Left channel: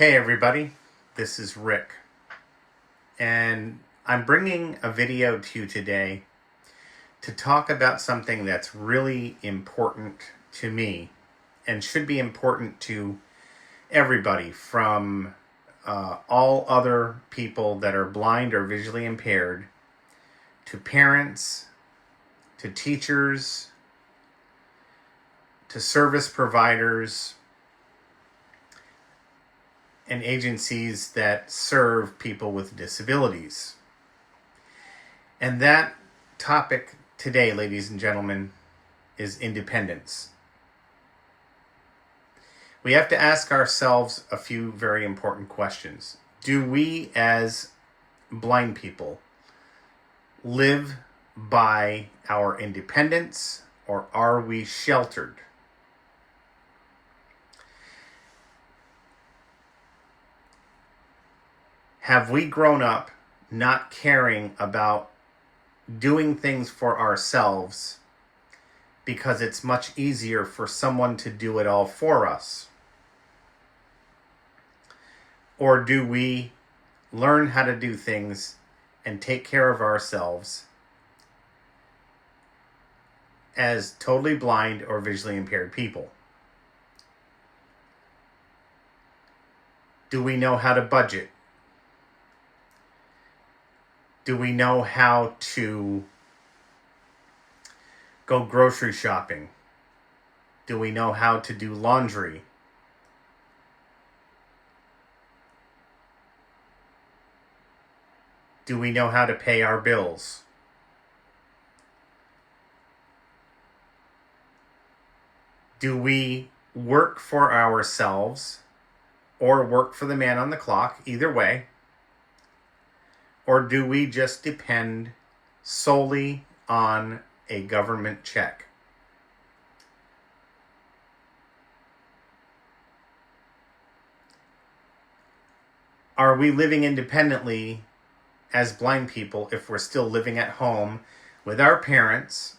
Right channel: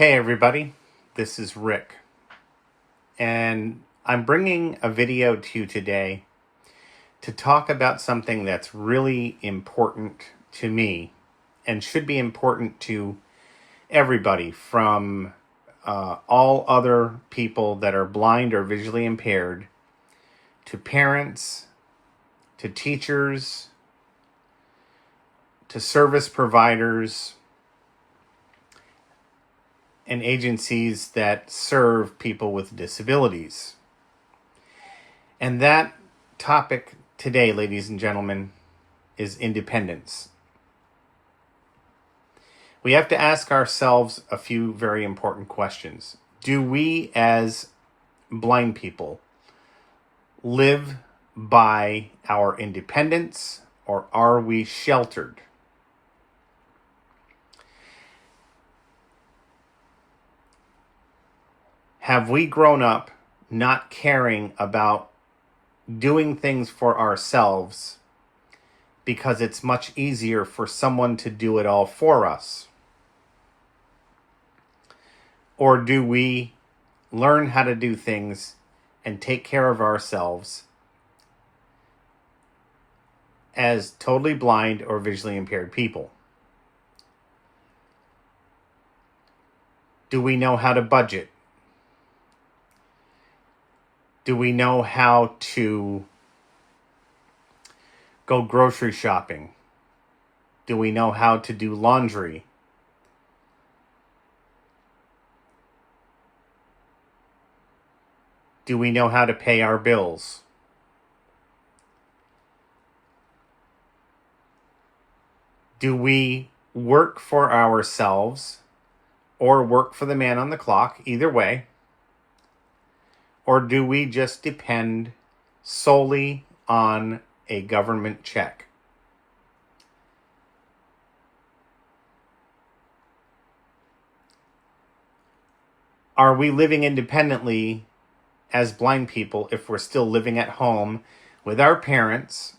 Hey everybody, this is Rick, and I'm bringing a video to you today to talk about something that's really important to me and should be important to everybody, from all other people that are blind or visually impaired, to parents, to teachers, to service providers, and agencies that serve people with disabilities. And that topic today, ladies and gentlemen, is independence. We have to ask ourselves a few very important questions. Do we, as blind people, live by our independence, or are we sheltered? Have we grown up not caring about doing things for ourselves because it's much easier for someone to do it all for us? Or do we learn how to do things and take care of ourselves as totally blind or visually impaired people? Do we know how to budget? Do we know how to go grocery shopping? Do we know how to do laundry? Do we know how to pay our bills? Do we work for ourselves or work for the man on the clock? Either way. Or do we just depend solely on a government check? Are we living independently as blind people if we're still living at home with our parents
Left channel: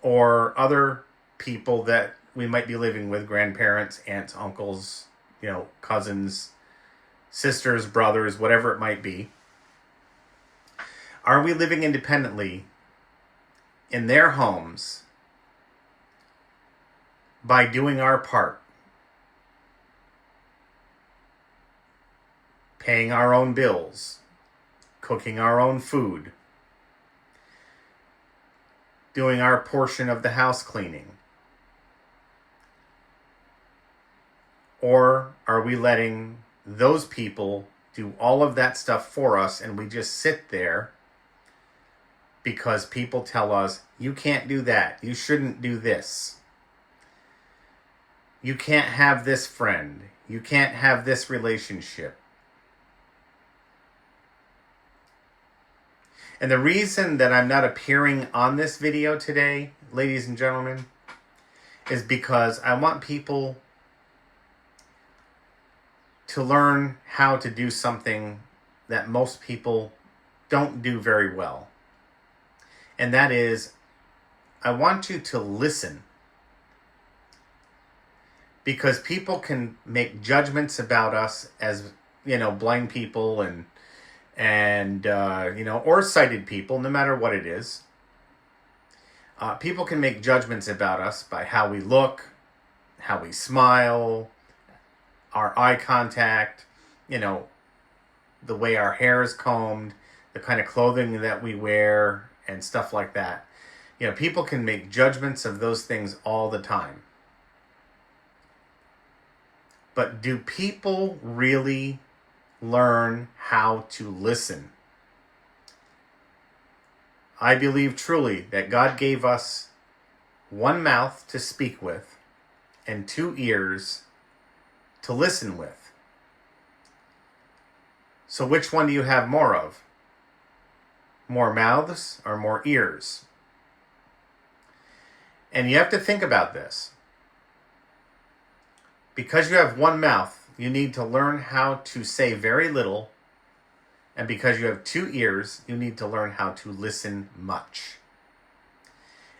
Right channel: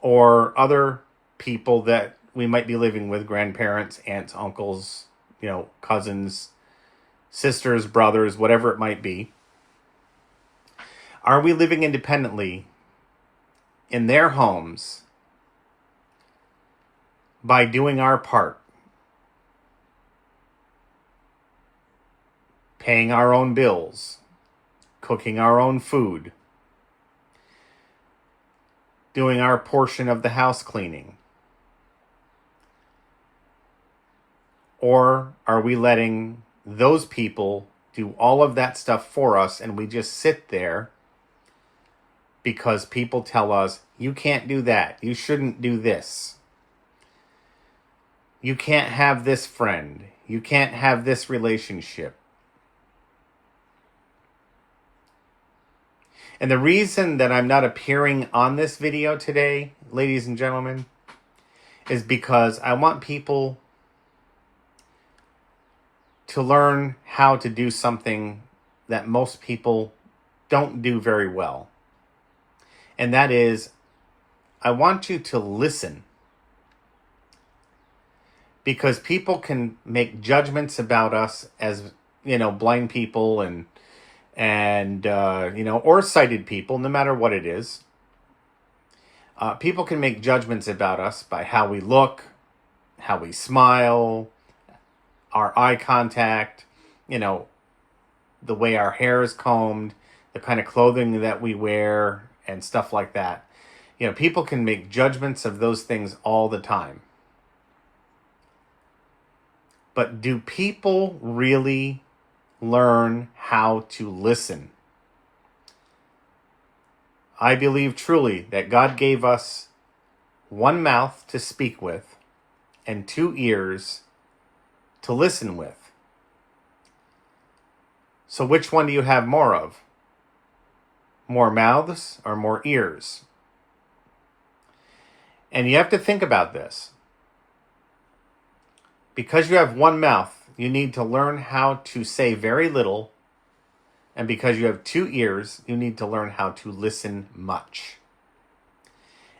or other people that we might be living with, grandparents, aunts, uncles, cousins, sisters, brothers, whatever it might be? Are we living independently in their homes by doing our part? Paying our own bills, cooking our own food, doing our portion of the house cleaning? Or are we letting those people do all of that stuff for us, and we just sit there because people tell us, you can't do that, you shouldn't do this, you can't have this friend, you can't have this relationship? And the reason that I'm not appearing on this video today, ladies and gentlemen, is because I want people to learn how to do something that most people don't do very well. And that is, I want you to listen. Because people can make judgments about us as, blind people and or sighted people, no matter what it is. People can make judgments about us by how we look, how we smile, our eye contact, the way our hair is combed, the kind of clothing that we wear, and stuff like that. People can make judgments of those things all the time. But do people really learn how to listen? I believe truly that God gave us one mouth to speak with and 2 ears to listen with. So which one do you have more of? More mouths or more ears? And you have to think about this. Because you have one mouth, you need to learn how to say very little. And because you have 2 ears, you need to learn how to listen much.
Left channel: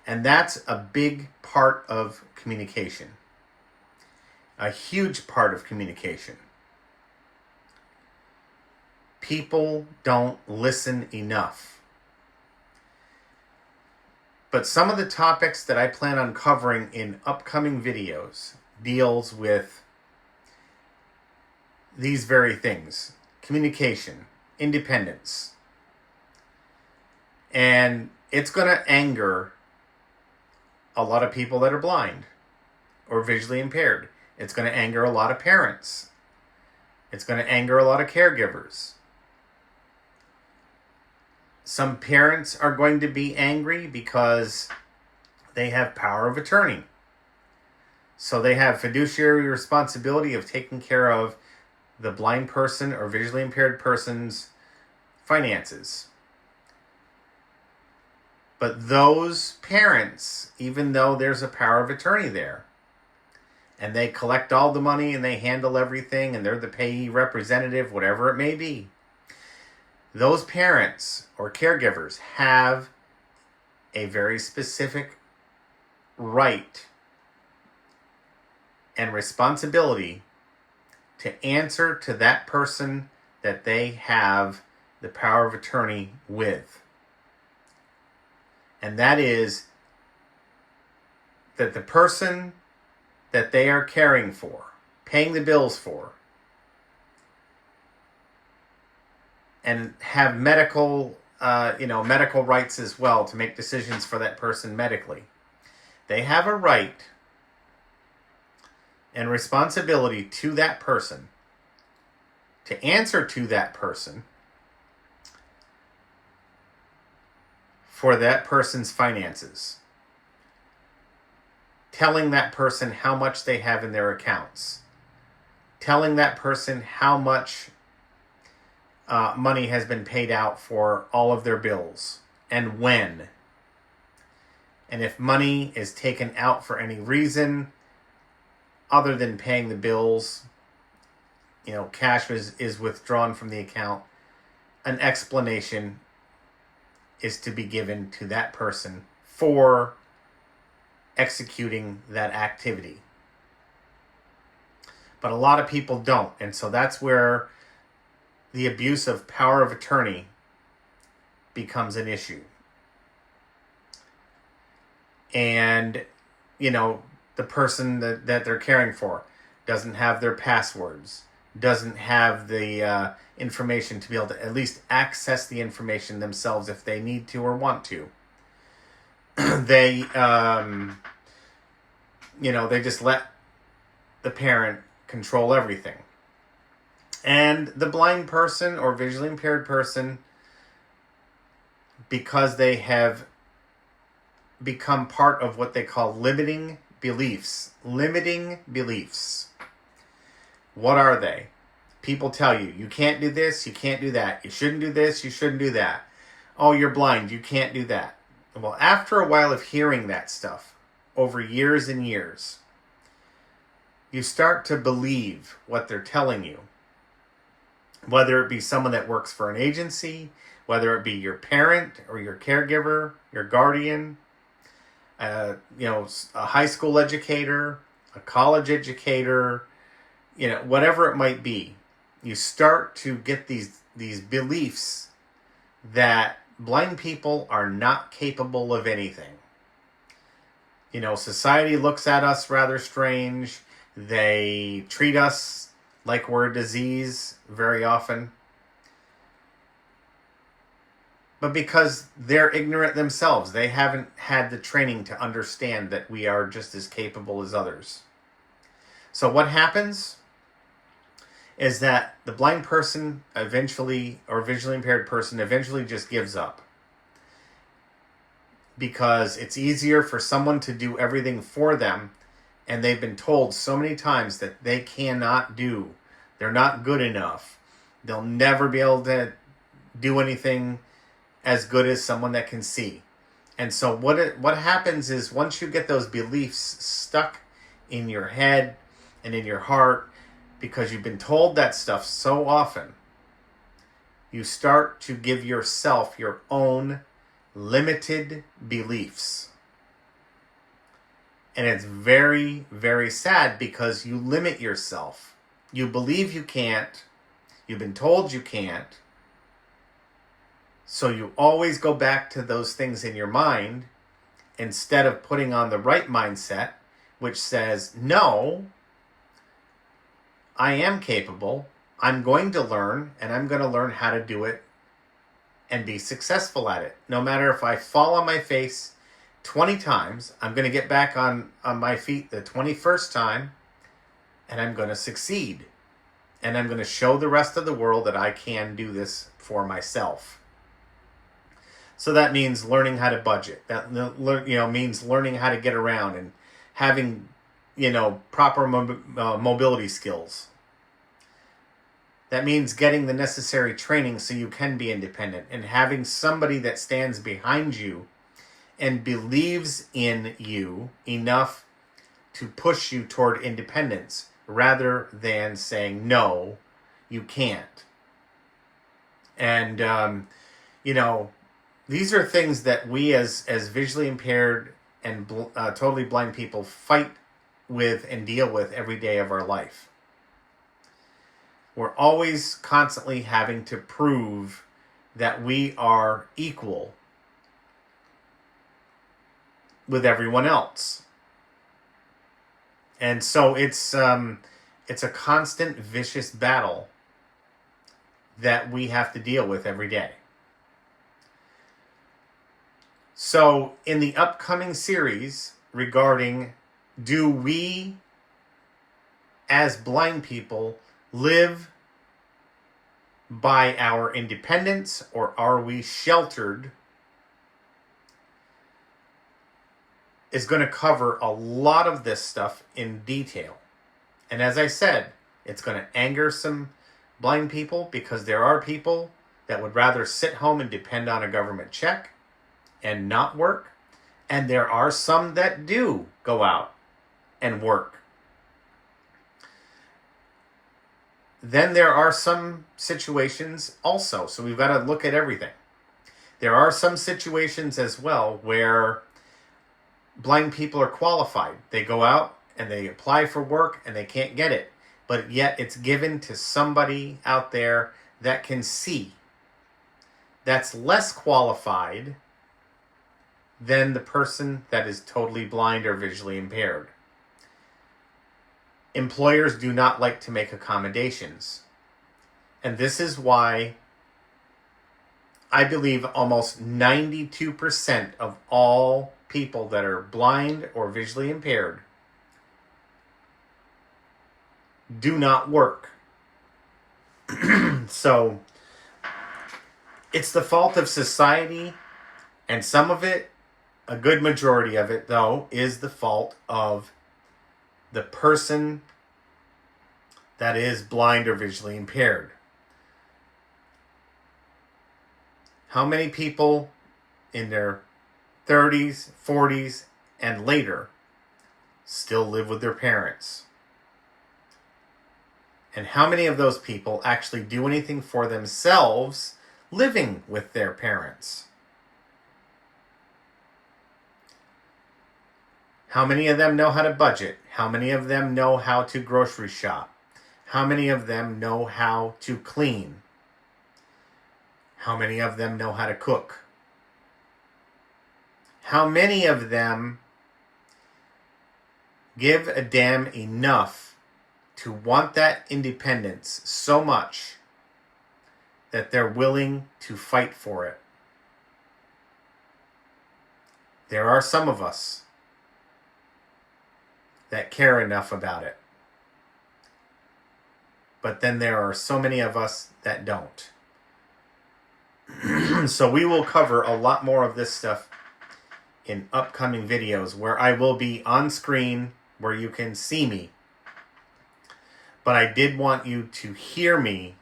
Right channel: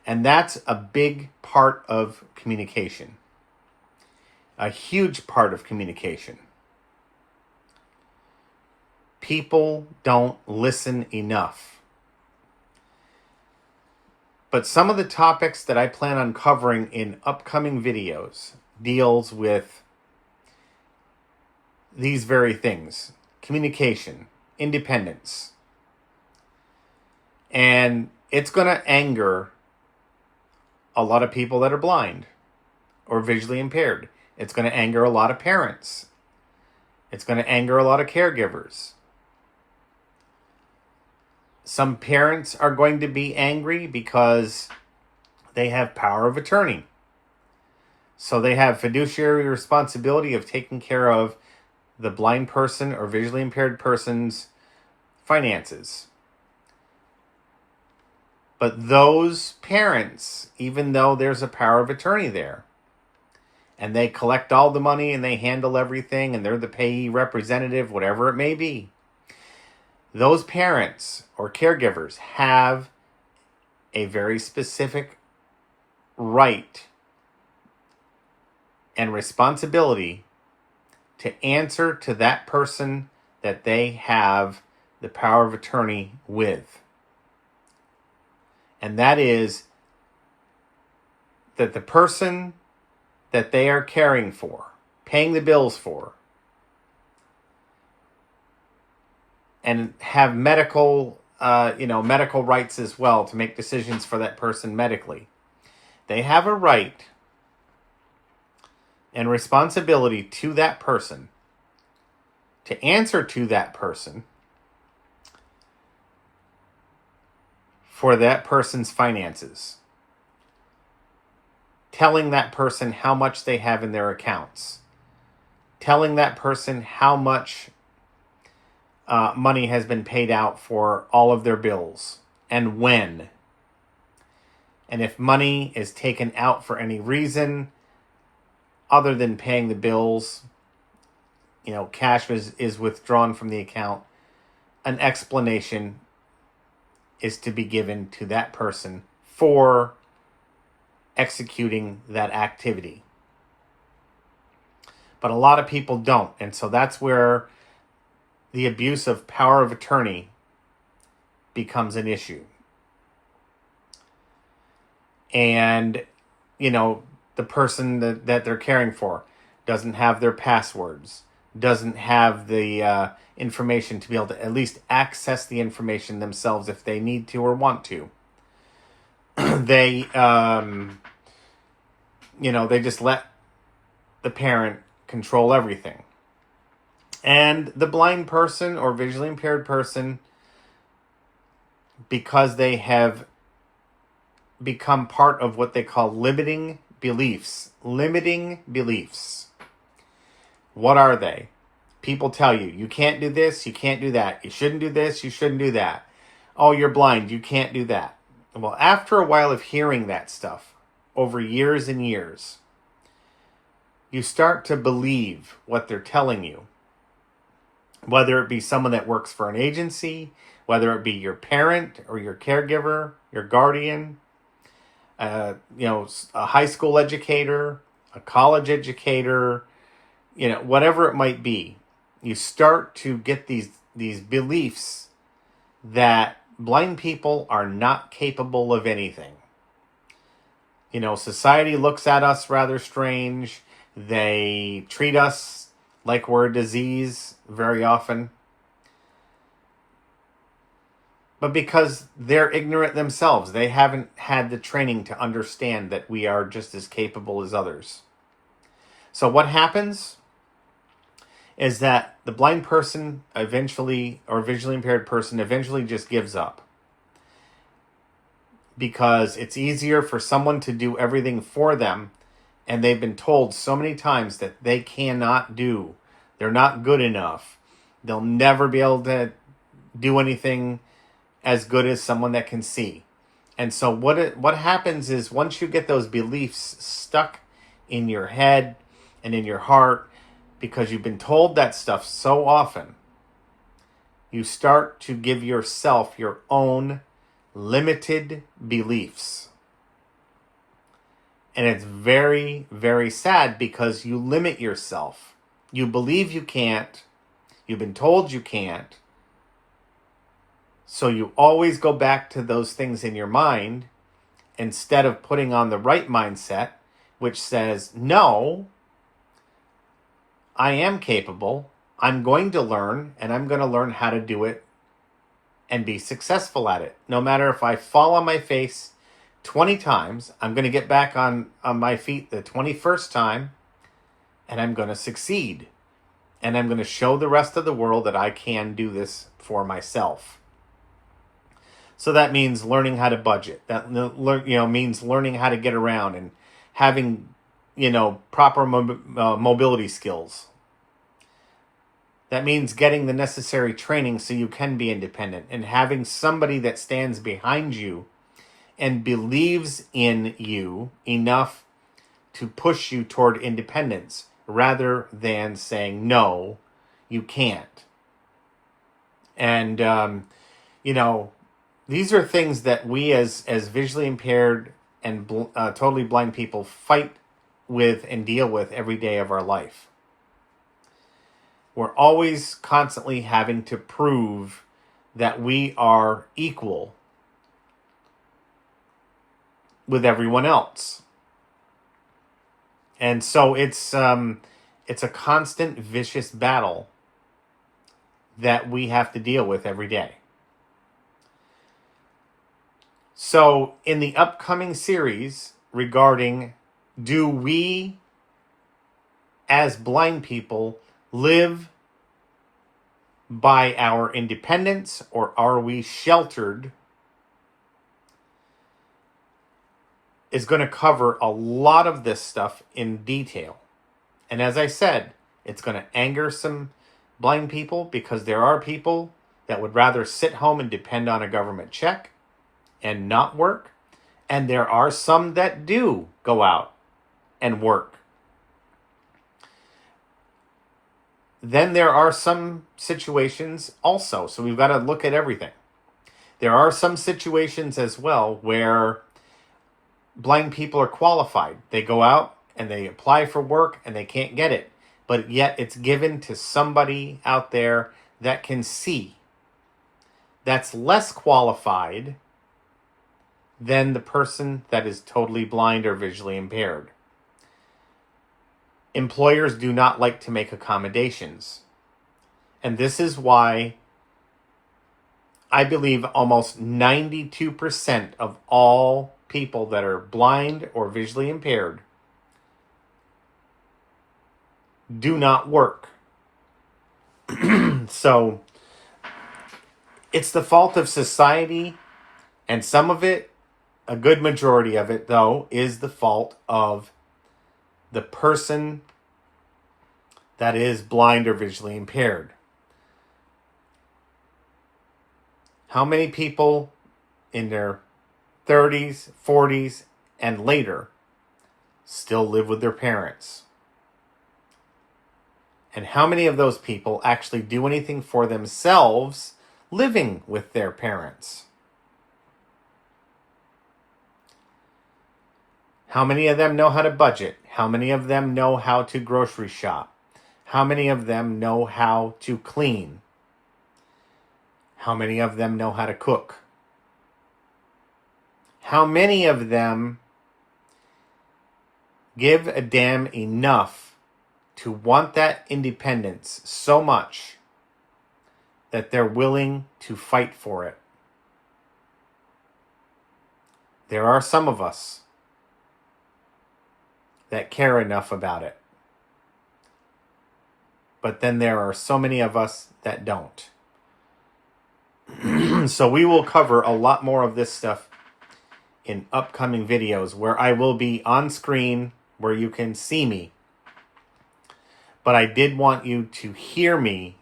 And that's a big part of communication. A huge part of communication. People don't listen enough. But some of the topics that I plan on covering in upcoming videos deals with these very things: communication, independence. And it's going to anger a lot of people that are blind or visually impaired. It's going to anger a lot of parents. It's going to anger a lot of caregivers. Some parents are going to be angry because they have power of attorney. So they have fiduciary responsibility of taking care of the blind person or visually impaired person's finances. But those parents, even though there's a power of attorney there, and they collect all the money and they handle everything and they're the payee representative, whatever it may be, those parents or caregivers have a very specific right and responsibility to answer to that person that they have the power of attorney with. And that is that the person that they are caring for, paying the bills for, and have medical rights as well to make decisions for that person medically. They have a right and responsibility to that person to answer to that person for that person's finances. Telling that person how much they have in their accounts. Telling that person how much money has been paid out for all of their bills and when. And if money is taken out for any reason other than paying the bills, cash is withdrawn from the account, an explanation is to be given to that person for executing that activity. But a lot of people don't. And so that's where the abuse of power of attorney becomes an issue. And, the person that they're caring for doesn't have their passwords, doesn't have the information to be able to at least access the information themselves if they need to or want to. They, they just let the parent control everything. And the blind person or visually impaired person, because they have become part of what they call limiting beliefs. Limiting beliefs. What are they? People tell you, you can't do this, you can't do that. You shouldn't do this, you shouldn't do that. Oh, you're blind, you can't do that. Well, after a while of hearing that stuff, over years and years, you start to believe what they're telling you. Whether it be someone that works for an agency, whether it be your parent or your caregiver, your guardian, a high school educator, a college educator, whatever it might be, you start to get these beliefs that blind people are not capable of anything. Society looks at us rather strange. They treat us like we're a disease very often. But because they're ignorant themselves, they haven't had the training to understand that we are just as capable as others. So what happens is that the blind person eventually, or visually impaired person eventually just gives up. Because it's easier for someone to do everything for them, and they've been told so many times that they cannot do. They're not good enough. They'll never be able to do anything as good as someone that can see. And so what happens is, once you get those beliefs stuck in your head and in your heart, because you've been told that stuff so often, you start to give yourself your own limited beliefs. And it's very, very sad, because you limit yourself. You believe you can't. You've been told you can't. So you always go back to those things in your mind instead of putting on the right mindset, which says, no, I am capable. I'm going to learn, and I'm going to learn how to do it and be successful at it. No matter if I fall on my face 20 times, I'm going to get back on my feet the 21st time, and I'm going to succeed. And I'm going to show the rest of the world that I can do this for myself. So that means learning how to budget. That means learning how to get around and having proper mobility skills. That means getting the necessary training so you can be independent, and having somebody that stands behind you and believes in you enough to push you toward independence rather than saying, no, you can't. And, these are things that we as visually impaired and totally blind people fight with and deal with every day of our life. We're always constantly having to prove that we are equal with everyone else. And so it's a constant vicious battle that we have to deal with every day. So in the upcoming series regarding, do we as blind people live by our independence, or are we sheltered, is going to cover a lot of this stuff in detail. And as I said, it's going to anger some blind people, because there are people that would rather sit home and depend on a government check and not work. And there are some that do go out and work. Then there are some situations also. So we've got to look at everything. There are some situations as well where blind people are qualified. They go out and they apply for work and they can't get it. But yet it's given to somebody out there that can see. That's less qualified than the person that is totally blind or visually impaired. Employers do not like to make accommodations. And this is why I believe almost 92% of all people that are blind or visually impaired do not work. So it's the fault of society, and some of it, a good majority of it though, is the fault of the person that is blind or visually impaired. How many people in their 30s, 40s, and later still live with their parents? And how many of those people actually do anything for themselves living with their parents? How many of them know how to budget? How many of them know how to grocery shop? How many of them know how to clean? How many of them know how to cook? How many of them give a damn enough to want that independence so much that they're willing to fight for it? There are some of us that care enough about it. But then there are so many of us that don't. So we will cover a lot more of this stuff in upcoming videos where I will be on screen where you can see me. But I did want you to hear me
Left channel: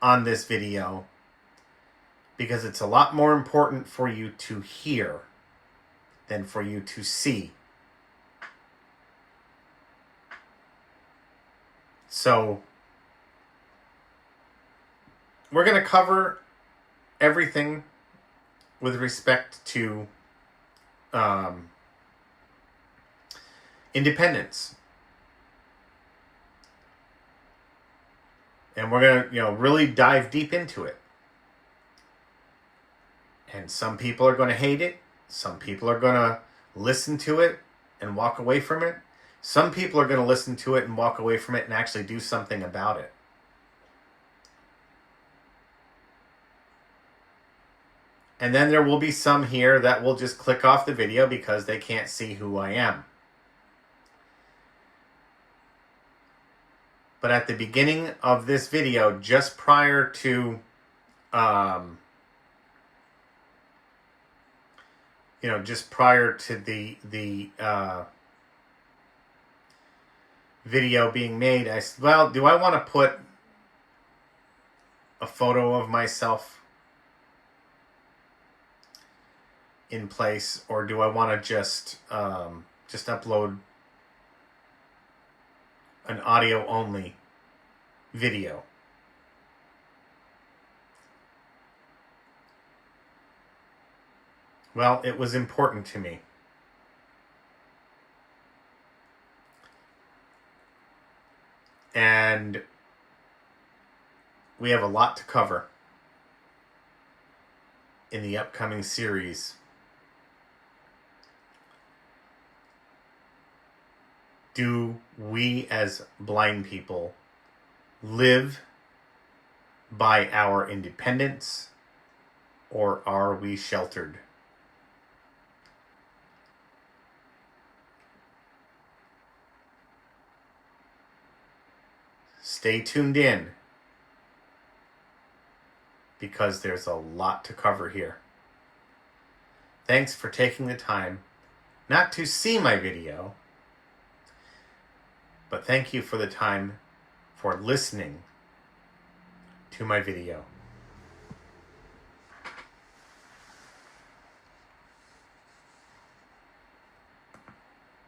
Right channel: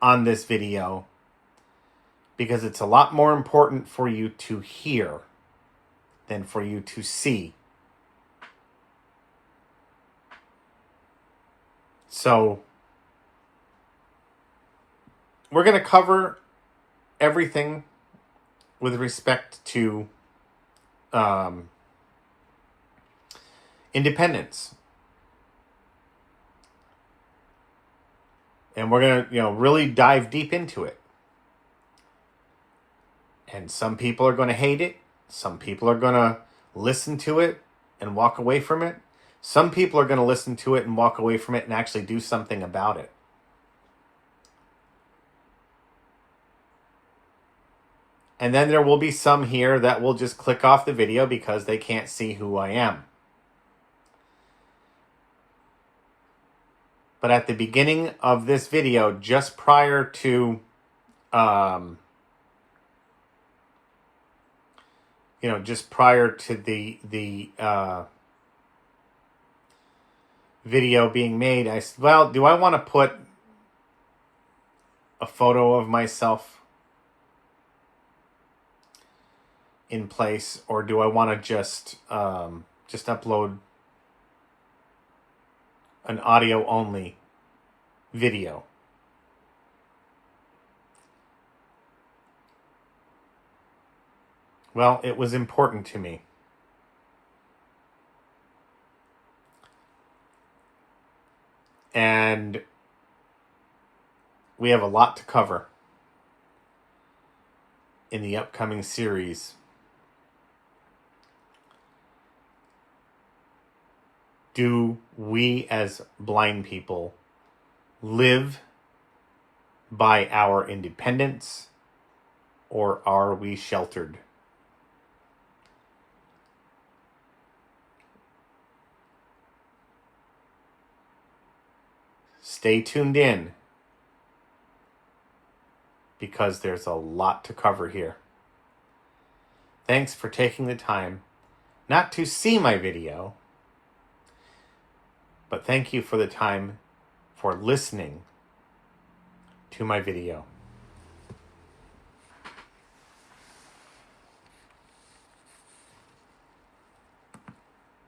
on this video because it's a lot more important for you to hear than for you to see. So we're going to cover everything with respect to independence. And we're going to, really dive deep into it. And some people are going to hate it. Some people are going to listen to it and walk away from it. Some people are going to listen to it and walk away from it and actually do something about it. And then there will be some here that will just click off the video because they can't see who I am. But at the beginning of this video, just prior to, just prior to the video being made, I said, well, do I want to put a photo of myself in place, or do I want to just upload an audio only video? Well, it was important to me. And we have a lot to cover in the upcoming series. Do we as blind people live by our independence, or are we sheltered? Stay tuned in, because there's a lot to cover here. Thanks for taking the time not to see my video, but thank you for the time for listening to my video.